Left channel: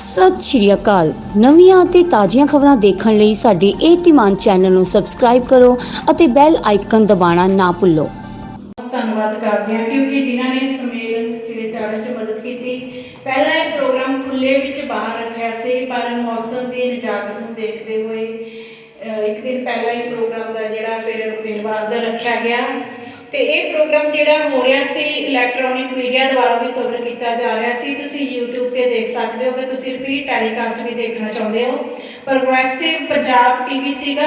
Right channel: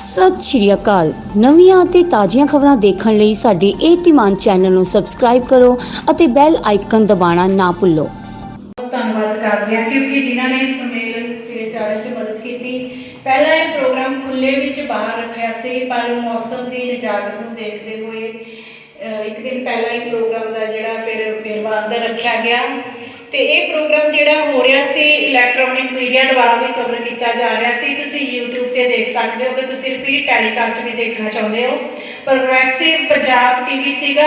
ਸਤਿ ਸ਼੍ਰੀ ਅਕਾਲ। ਨਵੀਆਂ ਅਤੇ ਤਾਜ਼ੀਆਂ ਖਬਰਾਂ ਦੇਖਣ ਲਈ ਸਾਡੇ ਇਹ ਧੀਮਾਨ ਚੈਨਲ ਨੂੰ ਸਬਸਕ੍ਰਾਈਬ ਕਰੋ ਅਤੇ ਬੈਲ ਆਈਕਨ ਦਬਾਉਣਾ ਨਾ ਭੁੱਲੋ। ਧੰਨਵਾਦ ਕਰਦੇ ਹਾਂ ਕਿਉਂਕਿ ਜਿਨ੍ਹਾਂ ਨੇ ਇਸ ਸੰਮੇਲਨ ਸਿਰੇ ਚਾੜ੍ਹਨ 'ਚ ਮਦਦ ਕੀਤੀ ਪਹਿਲਾਂ ਇਹ ਪ੍ਰੋਗਰਾਮ ਖੁੱਲੇ ਵਿੱਚ ਬਾਹਰ ਰੱਖਿਆ ਸੀ ਪਰ ਮੌਸਮ ਦੀ ਨਿਜਾਤ ਨੂੰ ਦੇਖਦੇ ਹੋਏ ਅਹ, ਇੱਕ ਦਿਨ ਪਹਿਲਾਂ ਹੀ ਪ੍ਰੋਗਰਾਮ ਦਾ ਜਿਹੜਾ ਫਿਰ ਮੇਲਵਾਨ ਦਾ ਰੱਖਿਆ ਗਿਆ ਤੇ ਇਹ ਪ੍ਰੋਗਰਾਮ ਜਿਹੜਾ ਹੋ ਰਿਹਾ ਸੀ ਇਲੈਕਟ੍ਰੋਨਿਕ ਮੀਡੀਆ ਦੁਆਰਾ ਵੀ ਕਵਰ ਕੀਤਾ ਜਾ ਰਿਹਾ ਸੀ। ਤੁਸੀਂ YouTube ਤੇ ਦੇਖ ਸਕਦੇ ਹੋ ਕਿ ਤੁਸੀਂ ਰਿਪੀਟ ਟੈਲੀਕਾਸਟ ਵੀ ਦੇਖਣਾ ਚਾਹੁੰਦੇ ਹੋ। ਪ੍ਰੋਗਰੈਸਿਵ ਪੰਜਾਬ ਟੀਵੀ ਸੀਗਾ।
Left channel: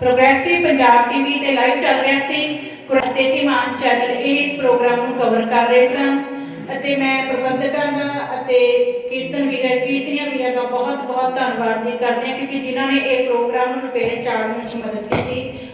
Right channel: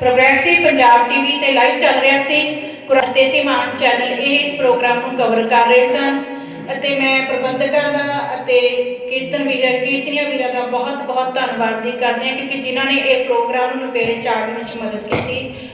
ਪ੍ਰੋਗਰੈਸਿਵ ਪੰਜਾਬ ਟੀਵੀ ਤੇ ਲਾਈਵ ਚੱਲ ਰਿਹਾ ਸੀ। ਕੁਰਾਤੇ ਚੈਨਲ ਇਹ ਇਸ ਪ੍ਰੋਗਰਾਮ ਨੂੰ ਕਵਰ ਕਰ ਰਹੇ ਸਨ। ਅਤੇ ਮੈਂ ਪ੍ਰਬੰਧਕਾਂ ਦਾ ਅਤੇ ਕੀਰਤਨ ਵੀਰਾਂ, ਕੀਰਤਨੀਆਂ ਵੀਰਾਂ ਦਾ ਬਹੁਤ ਬਹੁਤ ਧੰਨਵਾਦ ਕਰਦੀ ਹਾਂ, ਕਿਉਂਕਿ ਜਿਨ੍ਹਾਂ ਨੇ ਇਹ ਪ੍ਰੋਗਰਾਮ ਨੂੰ ਮੇਰੇ ਚਾੜਨ ਵਿੱਚ ਮਦਦ ਕੀਤੀ।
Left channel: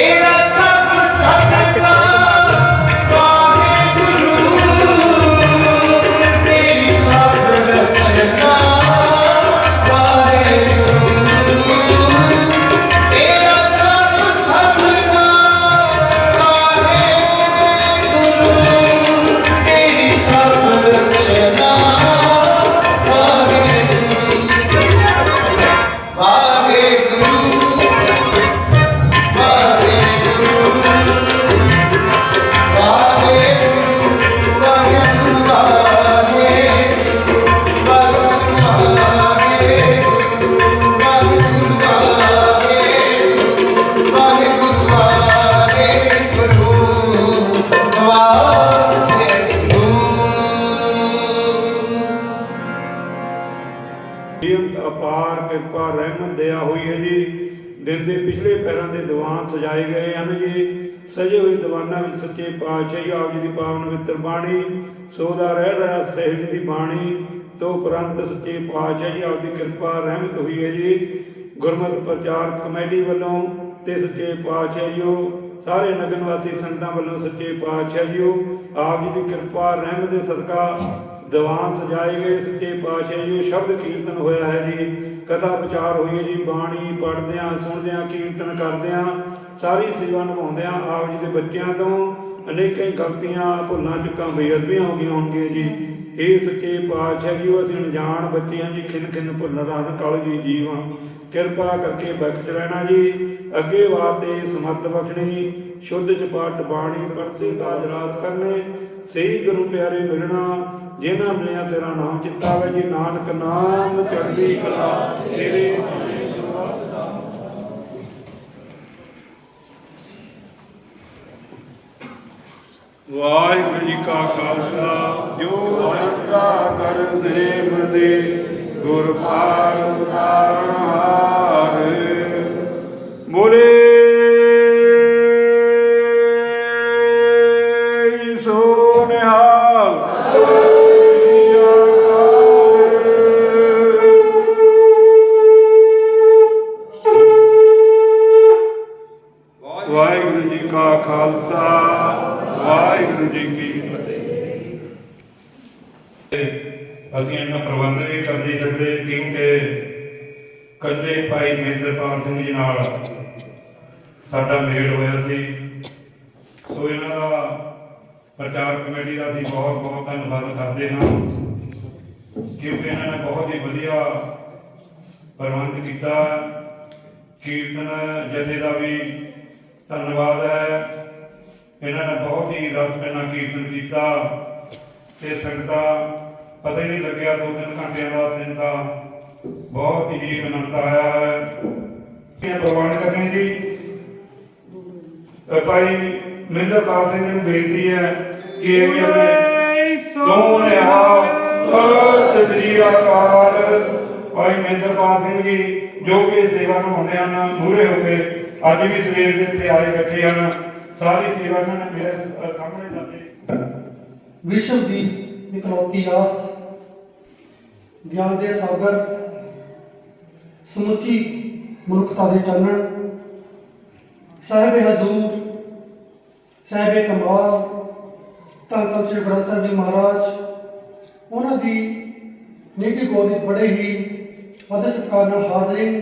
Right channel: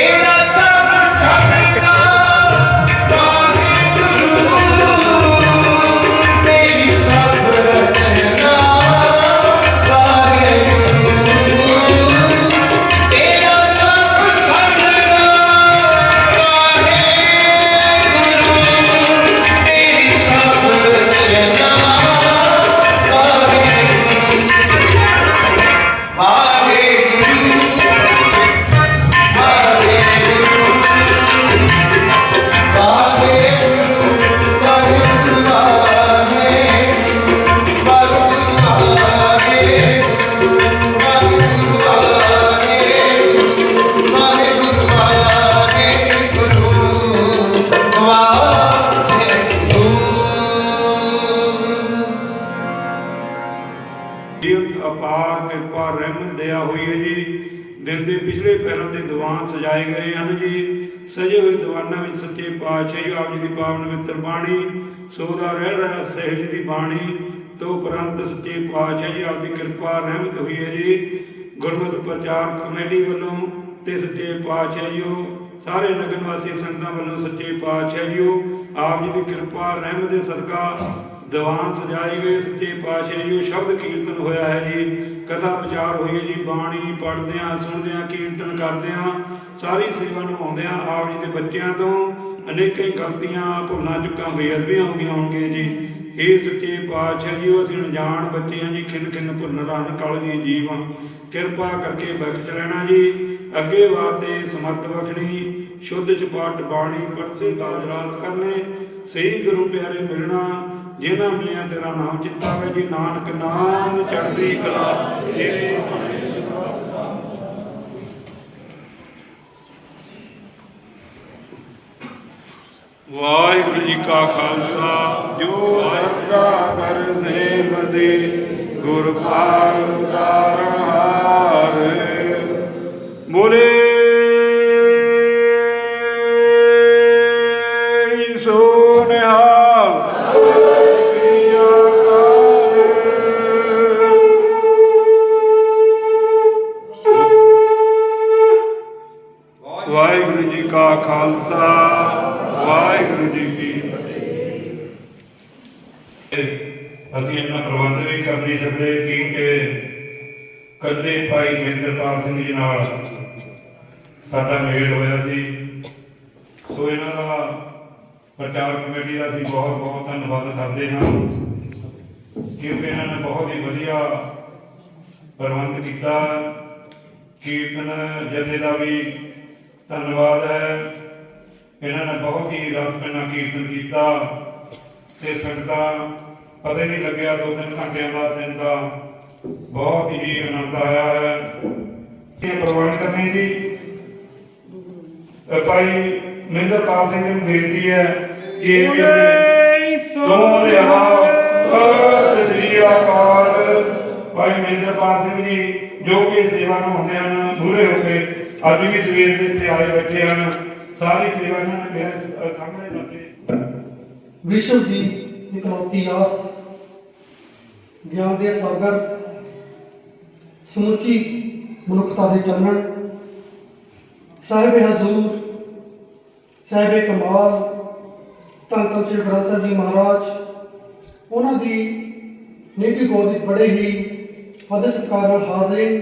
Yeah. ਪਿਛਲੇ ਪੈਰਾਂ ਦੇ ਦੀਵਾਨ ਸਜਾਏ ਗਏ ਹਨ ਜੀ। ਸਜੇ ਹੋਏ ਦੀਵਾਨਾਂ ਵਿੱਚ ਸੱਚੇ ਪਾਤਸ਼ਾਹ ਜੀ, ਆਪ ਜੀ ਦੀ ਪਾਵਨ ਪਵਿੱਤਰ ਬਾਣੀ, ਸੋਦਾ ਰਹਿ ਰਹਾ, ਸਹਿਜ ਜੀ ਦੀ ਬਾਣੀ, ਤੋਂ ਉਪਰੰਤ ਸੱਚੇ ਪਾਤਸ਼ਾਹ ਜੀ, ਆਪ ਦੀ ਕਿਰਪਾ ਰਹਿਮਤ ਹੋਈ ਹੈ ਜੀ। ਗੁਰਮਤਿ ਪ੍ਰਚਾਰ ਕਮੇਟੀ ਵੱਲੋਂ ਤੇ ਸੱਚੇ ਪਾਤਸ਼ਾਹ ਜੀਓ, ਸਾਰੇ ਨਗਰ ਵਾਸੀ ਸੰਗਤਾਂ ਵੱਲੋਂ ਸੱਚੇ ਪਾਤਸ਼ਾਹ ਜੀਓ, ਆਪ ਜੀ ਦੀ ਕਿਰਪਾ, ਰਹਿਮਤ ਦੇ ਸਦਕਾ ਦੀਵਾਨ ਸਜਾਏ ਗਏ ਸੱਚੇ ਪਾਤਸ਼ਾਹ ਜੀਓ, ਸ਼ਬਦ ਕੀਰਤਨ ਹੋਇਆ ਹੈ ਜੀ। ਕਥਾ ਵਿਚਾਰ ਹੋਈ ਹੈ ਜੀ, ਬਾਣੀ ਪੜ੍ਹਦਿਆਂ, ਸੁਣਦਿਆਂ, ਕੀਰਤਨ ਕਰਦਿਆਂ, ਸਾਰੀ ਸੇਵਾ ਨਿਭਾਉਂਦਿਆਂ ਆਪ ਜੀ ਦੇ ਬੱਚਿਆਂ ਤੋਂ ਅਨੇਕਾਂ ਗਲਤੀਆਂ, ਭੁੱਲਾਂ, ਚੁੱਕਾਂ, ਬੇਅਦਬੀਆਂ ਹੋ ਗਈਆਂ ਹੋਣਗੇ ਜੀ। ਇਹ ਸੱਚੇ ਪਾਤਸ਼ਾਹ ਜੀ ਉਹ ਅਸੀਂ ਅਣਜਾਣ ਬੱਚੇ ਹਾਂ ਜੀ ਖਿੰਨ ਖਿੰਨ ਭੁੱਲ ਰੰਗ ਕਲ ਜੀ ਜੀਵਾਂ ਕਿਰਪਾ ਕਰਕੇ ਬਖਸ਼ ਰਹਿਣਾ ਜੀ। ਅੱਗੇ ਵਾਤੇ ਸਮਰਥ ਬਖਸ਼ਣੀ। ਸ਼ੁੱਧ ਚਪਾਟ ਬਾਣੀ, ਪਰਸੇ ਦਾ ਰਾਜ ਕਰਨੇ। ਸਹੀ ਗੁਰੂ ਪਿਆਰੇ ਮਿਲਣਾ। ਜਿਨ੍ਹਾਂ ਮਿਲਿਆ ਤੇਰਾ ਨਾਮ ਚਿੱਤਾ ਜੀ ਨਾਨਕ ਨਾਮ ਚੜ੍ਹਦੀ ਕਲਾ ਤੇਰੇ ਵਾਹਿਗੁਰੂ ਜੀ ਕਾ ਖਾਲਸਾ ਜੋ ਵਾਹਿਗੁਰੂ ਦਾ ਕਰ ਸੇਵ ਦੇ ਗੁਰ ਪਾਲ ਉਤਾਰਨਹਾਰ ਮੋਰੇ ਵਾਹਿਗੁਰੂ ਭਾਈ ਸਿੰਘ ਜੀ ਨਾਲ ਸਾਡਾ ਮੇਲ ਹੋਇਆ ਸੀ। ਸੋ ਇਹਨਾਂ ਦਾ ਪ੍ਰਚਾਰ ਕਮੇਟੀ ਦਾ ਅਸੀਂ ਬਹੁਤ ਬਹੁਤ ਧੰਨਵਾਦ ਕਰਦੇ ਹਾਂ ਕਿਉਂਕਿ ਇਹਨਾਂ ਨੇ ਬਹੁਤ ਹੀ ਵਧੀਆ ਪ੍ਰਬੰਧ ਕੀਤਾ। ਕੀਰਤਨ ਜਥੇ ਦਾ ਵੀ ਧੰਨਵਾਦ ਹੈ। ਇਹਨਾਂ ਨੇ ਬਹੁਤ ਹੀ ਰਸ ਪੈਨਾ ਕੀਰਤਨ ਕੀਤਾ ਤੇ ਸੰਗਤਾਂ, ਪਤਾ ਹੀ ਨਹੀਂ ਲੱਗਿਆ ਦੋ ਤਿੰਨ ਘੰਟਿਆਂ ਦਾ ਦਿਨ ਦਾ ਬਹੁਤ ਹੀ ਆਨੰਦ ਆਇਆ ਹੈ। ਇਹ ਪ੍ਰਬੰਧ ਕਰਨੇ ਜੀ। ਭਾਈ ਮਹਿੰਦਰਪਾਲ ਸਿੰਘ ਜੀ ਨੂੰ ਬੇਨਤੀ ਹੈ ਕਿ ਇਹ ਵੀ ਆਪਣੇ ਰਿਹਾ ਸਤਿ ਸ੍ਰੀ ਅਕਾਲ। ਭਾਈ ਮਹਿੰਦਰਪਾਲ ਸਿੰਘ ਜੀ ਜੋ ਕਿ ਸੇਵਾ ਨਿਭਾਉਂਦੇ ਹਨ ਮੂਹਰੇ ਹੋ ਕੇ ਅੱਜ ਵੀ ਸਵੇਰ ਦੇ ਇੱਥੇ ਆਏ ਬੈਠੇ ਹਨ। ਸਾਰੀ ਸੇਵਾ ਨੇ ਮੇਰੇ ਸਾਹਮਣੇ ਕਰਕੇ ਵਿਸ਼ਵ ਦੀ ਇਕਲੌਤੀ ਆਸ ਗਿਆਨ ਦੇ ਸਾਗਰ ਸਮੁੱਚੀ ਮਨੁੱਖਤਾ ਦੇ ਚਾਨਣ। ਸਾਹਿਬ ਹਜ਼ੂਰ, ਸਾਹਿਬ ਕਮਾਲ, ਧੰਨ ਧੰਨ ਸ਼੍ਰੀ ਗ੍ਰੰਥ ਸਾਹਿਬ ਜੀ ਮਹਾਰਾਜ, ਉਹਨਾਂ ਦੀ ਨੇਕੀ ਗੋਦੀ ਬੜੇ ਹੀ ਆਦਰ ਸਤਿਕਾਰ ਨਾਲ ਹਾਜ਼ਰੀਨ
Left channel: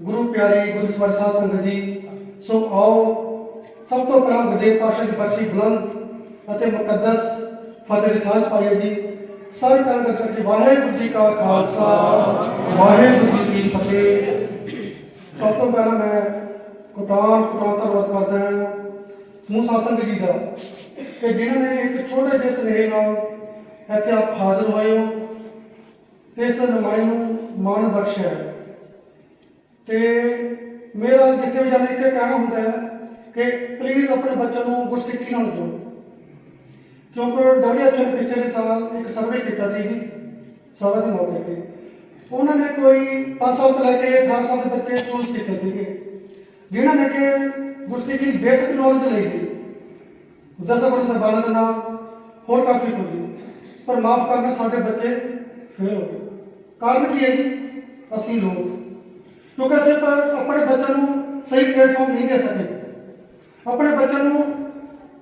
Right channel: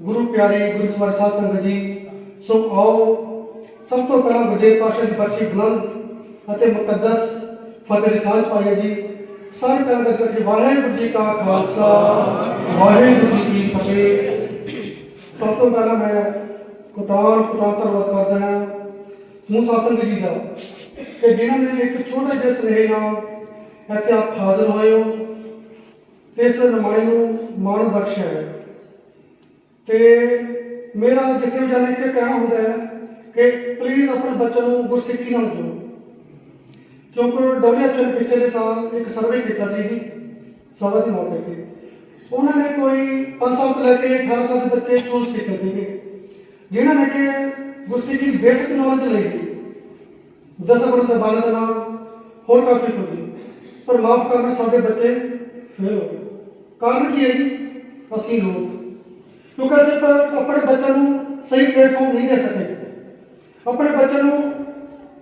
ਗੁਰੂ ਪਿਆਰੇ ਗੁਰੂ ਸਵਰ ਸਾਧ ਸੰਗਤ ਜੀ, ਸੋ ਆਓ, ਸਭ ਤੋਂ ਪਹਿਲਾਂ ਗੁਰਦੇਵ ਪਾਸ਼ਾ ਦੀ ਬਰਸੀ ਬੁਲੰਦ ਅਤੇ ਮੁਕੱਦਸ ਫਤਿਹ ਦੀ ਸਾਂਝ ਜੀ। ਸਾਰੇ ਕੰਮ ਕਰਕੇ ਵਾਹਿਗੁਰੂ ਜੀ ਕਾ ਖਾਲਸਾ, ਵਾਹਿਗੁਰੂ ਜੀ ਕੀ ਫਤਿਹ। ਸਭ ਤੋਂ ਪਹਿਲਾਂ ਮੈਂ ਕੋਟਾਨ ਕੋਟਾਨ ਧੰਨਵਾਦ ਕਰਦਾ ਹਾਂ। ਸਮੂਹ ਸਾਸੰਗ ਜੀ ਦਾ। ਕਿ ਜਿਨ੍ਹਾਂ ਨੇ ਇੱਕ ਛੋਟੇ ਜਿਹੇ ਸੁਨੇਹੇ ਨਾਲ ਇੱਥੇ ਆਪ ਹਾਜ਼ਰ ਹੋਏ ਹੋ ਤੇ ਇਸ ਨਮਾਜ਼ ਨੂੰ ਮਾਣ ਬਖਸ਼ਿਆ ਹੈ। ਤੇ ਮੇਰਾ ਜਿੱਥੇ ਵੀ ਜਾਣੇ, ਇੱਕ ਕਹਿਣਾ ਹੁੰਦਾ ਹੈ ਕਿ ਪਲੀਜ਼ ਆਪਣੇ ਬੱਚੇ ਨੂੰ ਗੁਰਸਿੱਖੀ ਨਾਲ ਜੋੜੋ। ਕਿਉਂਕਿ ਡਬਲਯੂਐਚਓ ਨੇ ਪਿਛਲੇ ਸਾਲ ਇੱਕ ਸਰਵੇ ਕੀਤਾ ਸੀ ਜੀ, ਸਭਾ ਦੇ ਮੌਕੇ ਤੇ। ਉਹਨਾਂ ਨੇ ਕੋਈ 5 ਸਾਲ ਤੋਂ ਲੈ ਕੇ 18 ਸਾਲ ਦੇ ਬੱਚੇ ਚੂਜ਼ ਕੀਤੇ ਸੀਗੇ। ਜਿਨ੍ਹਾਂ ਨੇ ਕਿ ਗੁਰਸਿੱਖੀ ਦੀ ਬੇਸਿਕ ਨੌਲੇਜ ਲਈ ਸੀ। ਦਸ ਗੁਰੂ ਸਾਹਿਬਾਨ ਦਾ ਨਾਮ, ਹੋਰ ਕਾਫੀ ਕੁਝ। ਪਰ ਮਾਫ ਕਰਨਾ, ਸਾਡੇ ਬੱਚੇ ਫੇਲ ਹੋ ਗਏ। ਕਾਰਨ ਕੀ ਹੈ ਜੀ? ਅਸੀਂ ਲੋਕ। ਕਿਉਂਕਿ ਅਸੀਂ ਆਪਣੇ ਬੱਚਿਆਂ ਨੂੰ ਸਹੀ ਪਲੇਟਫਾਰਮ ਨਹੀਂ ਦੇ ਸਕੇ। ਆਪਣੇ ਬੱਚਿਆਂ ਨੂੰ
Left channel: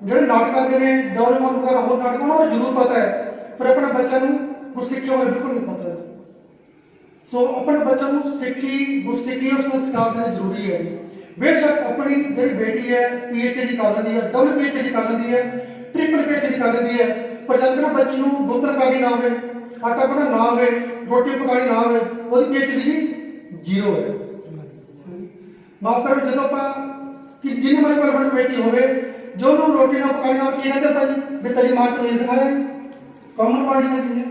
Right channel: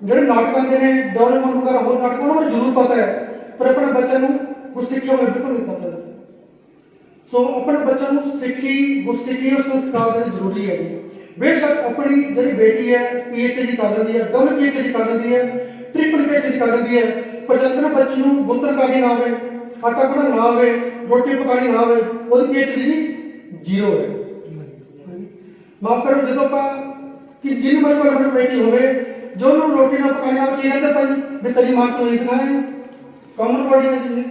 ਜਿਹੜੇ ਨਾਟਕ ਆਉਂਦੇ ਨੇ ਡੋਰੇਮੋਨ ਵਗੈਰਾ ਹੋਰ ਨਾਟਕ, ਉਹਨਾਂ ਨੂੰ ਜ਼ਰੂਰ ਪਤਾ ਹੈ। ਪਰ ਆਪਣੇ ਬੱਚਿਆਂ ਨੂੰ ਗੁਰਸਿੱਖੀ ਬਾਰੇ ਬਿਲਕੁਲ ਨਹੀਂ ਪਤਾ। ਸੋ ਆਪਣੇ ਬੱਚਿਆਂ ਨੂੰ ਸਿੱਖੀ ਗੁਰਸਿੱਖੀ ਔਰ ਸੰਸਕਾਰ ਦੇਣਾ ਜ਼ਰੂਰੀ ਹੈ ਜੀ। ਬੇਸ਼ੱਕ ਆਪਣੀ ਜਿਹੜੀ ਬੇਟੀ ਹੈ ਪੀਐਚਡੀ ਕਰ ਦਿੰਦੀ ਹੈ ਡਬਲ ਪੀਐਚਡੀ ਕਰ ਦਿੰਦੀ ਹੈ ਟ੍ਰਿਪਲ ਪੀਐਚਡੀ ਕਰ ਦਿੰਦੀ ਹੈ, ਪਰ ਜਦ ਤੱਕ ਬੱਚੇ ਨੂੰ ਗੁੱਤਰ ਨਾ ਹੋਵੇ ਆਟਾ ਪੜਾ ਨਾ ਹੋਵੇ, ਰੋਟੀ ਪਕਾਣੀ ਨਾ ਹੋਵੇ, ਉਹਦੀ ਪੀਐਚਡੀ ਜੀ ਜ਼ੀਰੋ ਹੈ। ਮਾਫ ਕਰੋ, ਜਦੋਂ ਆਪਾਂ ਕਿ ਜਿੰਨੀ ਮਰੀ ਕੋਈ ਬੇਟੀ ਹੋਵੇ, ਜੋ ਉਹਨੂੰ ਰੋਟੀ ਨਾ ਪਕਾਈ ਆਵੇ ਕੀ ਕਹਿੰਦੇ ਭਾਈ? ਵੀ ਤੇਰੀ ਮਾਂ ਤੋਂ ਨਹੀਂ ਸਿਖਾਇਆ ਕਾਮਨ ਵਾਲੀ ਹੈ ਜੀ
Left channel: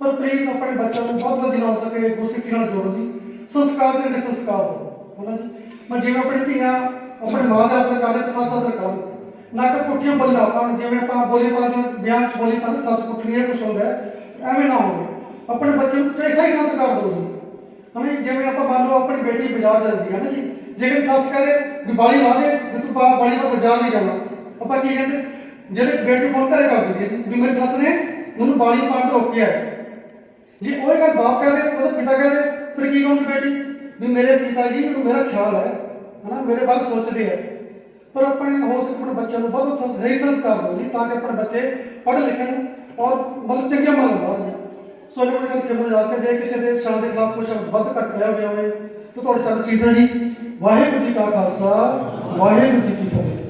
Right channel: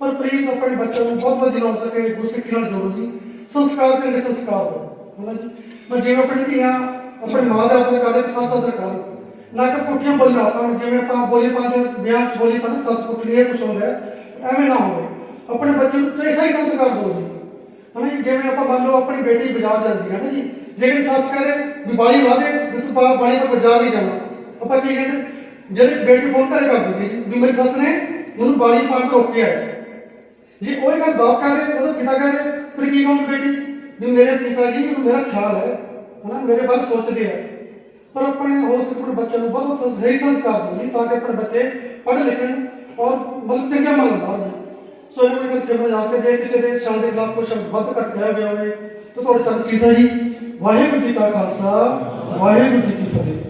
ਪਰ ਪਲੀਜ਼ ਆਪਣੇ ਬੱਚਿਆਂ ਨੂੰ ਬਹੁਤ ਵਧੀਆ ਹੋ ਸਕੇ, ਗੁਰਸਿੱਖੀ ਨਾਲ ਜੋੜੋ ਜੀ। ਸੰਸਕਾਰ ਚੰਗੇ ਸੰਸਕਾਰ ਦਿਓ ਹਨਾ ਜੀ? ਮੈਂ ਜਿਵੇਂ ਆਪਣੀ ਧੀਆਂ, ਆਪਣੀ ਮਾਂ ਦਾ ਆਦਰ ਕਰਦੇ ਕਿ ਸੱਸ ਆਦਰ ਨਾ ਕਿ ਪੁੱਠੀਆਂ ਬੋਲੀਆਂ ਆਪਾਂ, ਜਿਵੇਂ ਆਪਾਂ ਬੋਲੀ ਪਾਉਂਦੇ ਬਿਆਨ ਚ ਬੋਲੀ ਪਾਉਂਦੇ ਸੱਸ ਪੁੱਠਣੀ ਹੈ, ਕੁਛ ਹੁੰਦਾ ਐਵੇਂ ਨਾ ਹੋਵੇ। ਆਪਣੇ ਬੱਚੇ ਨੂੰ ਚਾਹੇ ਸਹੀ ਸੰਸਕਾਰ ਦਿਓ ਜੀ। ਹਨਾ ਜਿਵੇਂ ਆਪਾਂ ਮੰਨ ਲਓ ਆਪਣੀ ਬੇਟੀ ਬਾਜ਼ਾਰ ਜਾਂਦੀ ਹੈ ਨਾ ਜੀ? ਜੇ ਕਿ ਕਹੇ, ਵੀ ਬਾਲੀ ਵਾਦੇ ਵੀ ਤੂੰ ਬਾ ਬਾਲੀ ਪਰ ਬਾਜ਼ਾਰ ਨਹੀਂ ਜਾਣਾ। ਆਪਾਂ ਕੀ ਕਹਿੰਦੇ ਜਿਹੜੇ ਬੇਟੀ ਫੋਨ ਘਰੇ ਕਰ ਦਿੰਦੀ ਜੀ, ਵੀ ਮੇਰੀ ਸੱਸ ਨੇ ਉਹਨੂੰ ਬਾਲੀ ਪਾਉਣ ਤੋਂ ਰੋਕਿਆ ਹੈ। ਜੇ ਉਹ ਇਹ ਗੱਲ ਬਾਪ ਕਹਿ ਰਹੇ, ਉਹਦਾ ਪਿਤਾ ਕਹਿ ਰਹੇ, ਫਿਰ ਕੀ ਕਹੂੰਗੀ ਬੇਟੀ? ਵੀ ਮੇਰੇ ਪਿਤਾ ਜੀ ਨੂੰ ਮੇਰਾ ਖਿਆਲ ਹੈ, ਹਨਾ, ਮੇਰੇ ਬਾਰੇ ਸੋਚਦੇ ਆ। ਪਰ ਆਪਣੇ ਹੋ ਸਕੇ ਆਪਣੇ ਬੱਚਿਆਂ ਨੂੰ ਬਹੁਤ ਸਹੀ ਸੰਸਕਾਰ ਦਿਓ ਜੀ ਤਾਂ ਕਿ ਆਪਣੇ ਬੱਚੇ ਪੜ੍ਹ ਲਿਖਣ ਔਰ ਮਤਲਬ ਚੰਗੇ ਮਨ ਨਾਲ ਜੀ ਸੋ ਇਹ ਕੋਈ ਗੱਲ ਕਿਵੇਂ ਜਾ ਜੇ ਕਿਸੇ ਦੇ ਸ਼ਾਨ ਦੇ ਖਿਲਾਫ ਕੁਝ ਵੱਧ ਘੱਟ ਕਿਹਾ ਗਿਆ ਹੋਵੇ, ਤਾਂ ਤੁਹਾਡੇ ਚੱਲ ਸੀਸ ਜੀ, ਵਾਹਿਗੁਰੂ ਜੀ ਕਾ ਖਾਲਸਾ, ਵਾਹਿਗੁਰੂ ਜੀ ਕੀ ਫਤਿਹ।